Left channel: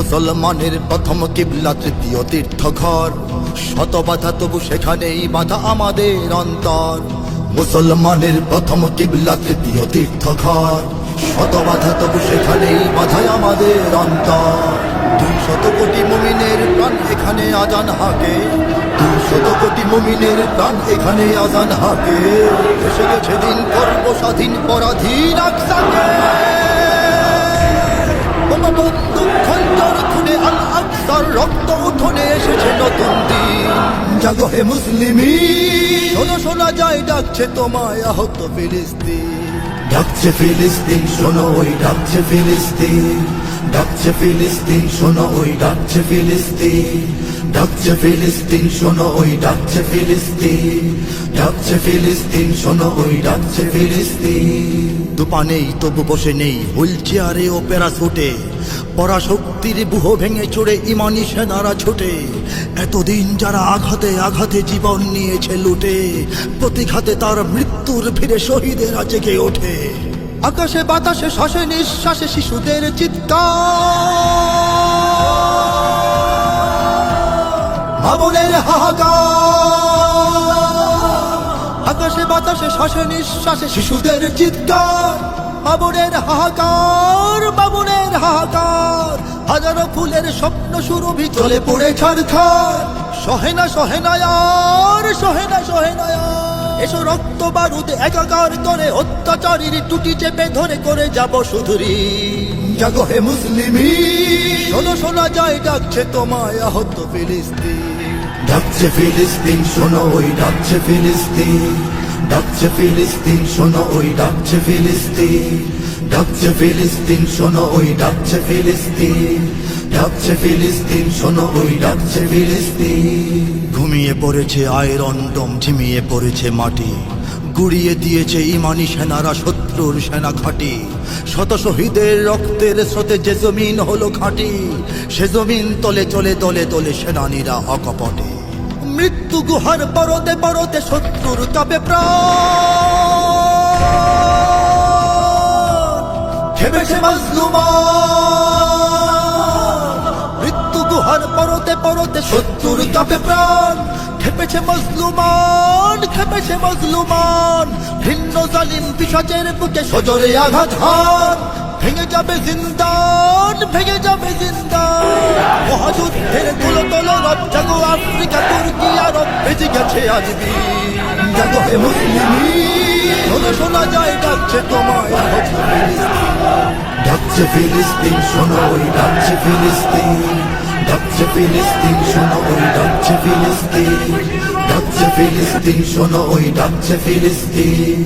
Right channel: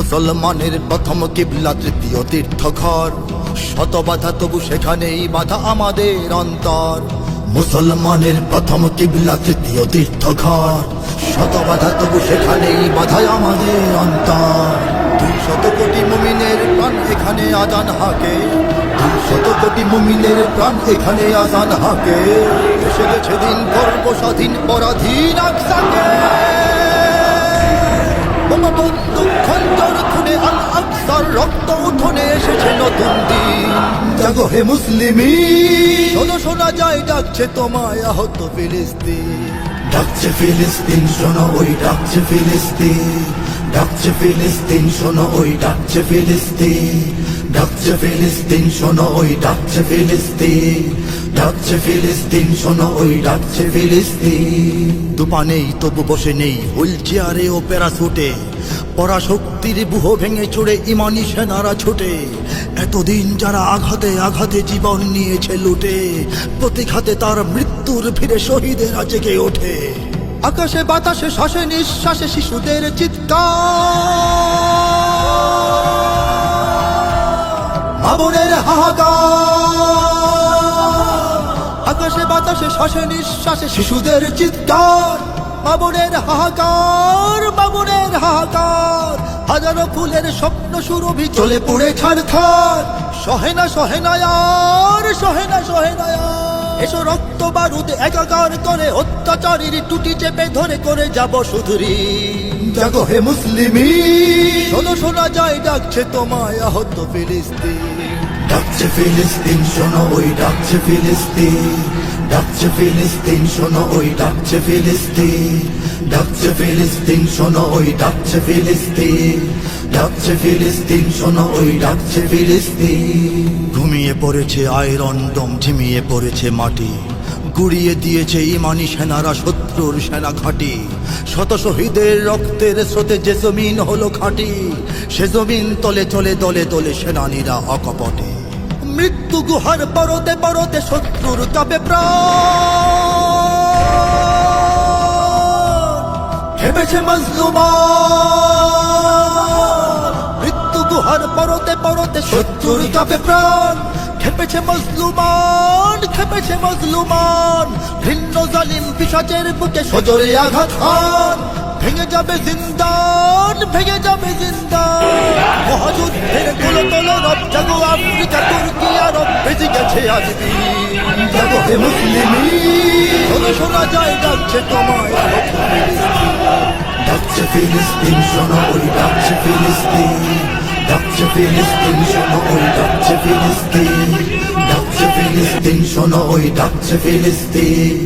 মুসলমানের প্রথম কিবলা তৃতীয় তীর্থ ঘর শত বাধা তবু সেখানেই বাধা আমাদের অন্তর। মুসলমানের প্রথম কিবলা তৃতীয় তীর্থ ঘর শত বাধা তবু সেখানেই বাধা আমাদের অন্তর। দুই শত কোটি মুমিনের প্রাণ এখানে আজান হাকে। দুই শত কোটি মুমিনের প্রাণ এখানে আজান হাকে। এসে গেছে দিন করব স্বাধীন, পরাধীন আকসাকে। রক্ত উঠোনে এসেছে নতুন দিন। হে মুসলিমি শোনো যায় তোমায় আহত ফিলিস্তিন। ডাকছে ফিলিস্তিন, শোনো ওই ডাকছে ফিলিস্তিন। ডাকছে ফিলিস্তিন, শোনো ওই ডাকছে ফিলিস্তিন। ডাকছে ফিলিস্তিন, শোনো ওই ডাকছে ফিলিস্তিন। ডাকছে ফিলিস্তিন, শোনো ওই ডাকছে ফিলিস্তিন। দুপা নেই তবু বসে নেই, হুইল চেয়ারে ও প্যারাসুটে। পরাশক্তির বুহ ভেঙে চড়ে ইমানি সেনারা ছুটে। এতদিন যারা আঘাতে আঘাতে জীবন নিয়েছে লুটে, প্রতিঘাতে তার মৃত্যুর ভিড়ে শহীদেরা জেগে ওঠে। আকাশে বাতাসে শ্বাসে নিঃশ্বাসে শিশুদের চিৎকার। মামুনের হাহাকার। আকাশে বাতাসে শ্বাসে নিঃশ্বাসে শিশুদের চিৎকার। বাবুনের হাহাকার বাবুনের হাহাকার। হাজারো ফুলের স্বপ্ন সুরভি চলে পড়ে ছাড়খার। সহেনা সহেনায়ার সহেনা সহেনায়ার এসো রক্ত বারুদ একাকার করে অত্যাচারীর টুটি চেপে ধরে করে যাব সুধুরি। জাগো হে মুসলিমি। শোনো শোনা যায় ডাকছে তোমায় আহত ফিলিস্তিন। ডাকছে ফিলিস্তিন শোনো ওই ডাকছে ফিলিস্তিন। ডাকছে ফিলিস্তিন শোনো ওই ডাকছে ফিলিস্তিন। ডাকছে ফিলিস্তিন শোনো ওই ডাকছে ফিলিস্তিন। ডাকছে ফিলিস্তিন, শোনো, ওই ডাকছে ফিলিস্তিন। ঘুমিয়ে পড়েছে আয়রন ডম, ঝিমিয়ে পড়েছে মাটি। গুড়িয়ে দিয়েছে ইমানি সেনারা, শত্রুর সেনা ঘাঁটি। শত শহীদের রক্তের স্রোতে যে জমিন হলো ঘাঁটি, সে জমিন তলে চলে, দলে দলে সেনানীরা অকপটে। মৃত্যু গুহার পরতে পরতে শত্রুর কাপে প্রাণ। খেপেছে গুহার পরতে পরতে শত্রুর কাপে প্রাণ। খেপেছে মজলুমান খেপেছে মজলুমান। ভিন্ন জালিম পিসাচের বুকে সজরে আঘাত হান। ভেঙে যাবে জিন্দান, ভেঙে যাবে জিন্দান। মহাযুদ্ধের গোলো তোলো রব জাগো আফ্রিকা, তুর্কি, আরব বেঁচে গেছে আজ বীর। জাগো হে মুসলিমি শোনো, শোনা যায়, ডাকছে তোমায় আহত ফিলিস্তিন। ডাকছে ফিলিস্তিন, শোনো, ওই ডাকছে ফিলিস্তিন। ডাকছে ফিলিস্তিন শোনো ওই ডাকছে ফিলিস্তিন ডাকছে ফিলিস্তিন শোনো ওই ডাকছে ফিলিস্তিন